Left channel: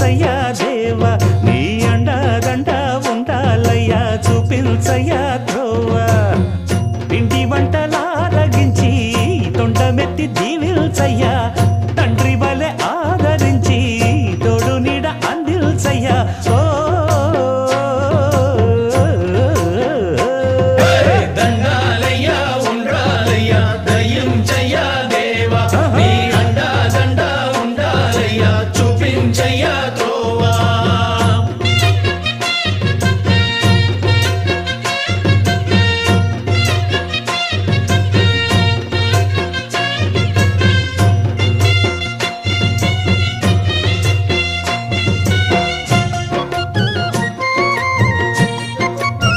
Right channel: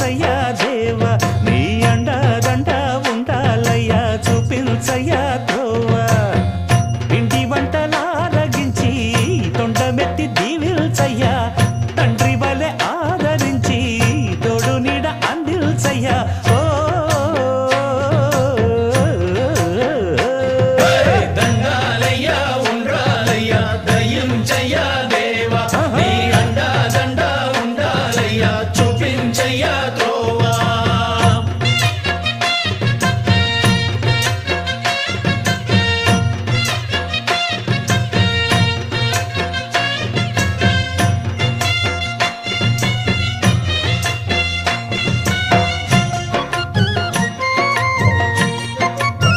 దీవించయ్యా దేవా నీ అండదండ ఉండాలయ్యా చూపించయ్యా త్రోవా పిండి వంటలారగించి తొండమెత్తి దీవిల్చయ్యా తండ్రి వలె ఆదరించి తోడు నీడ అందిల్చయ్యా ఓ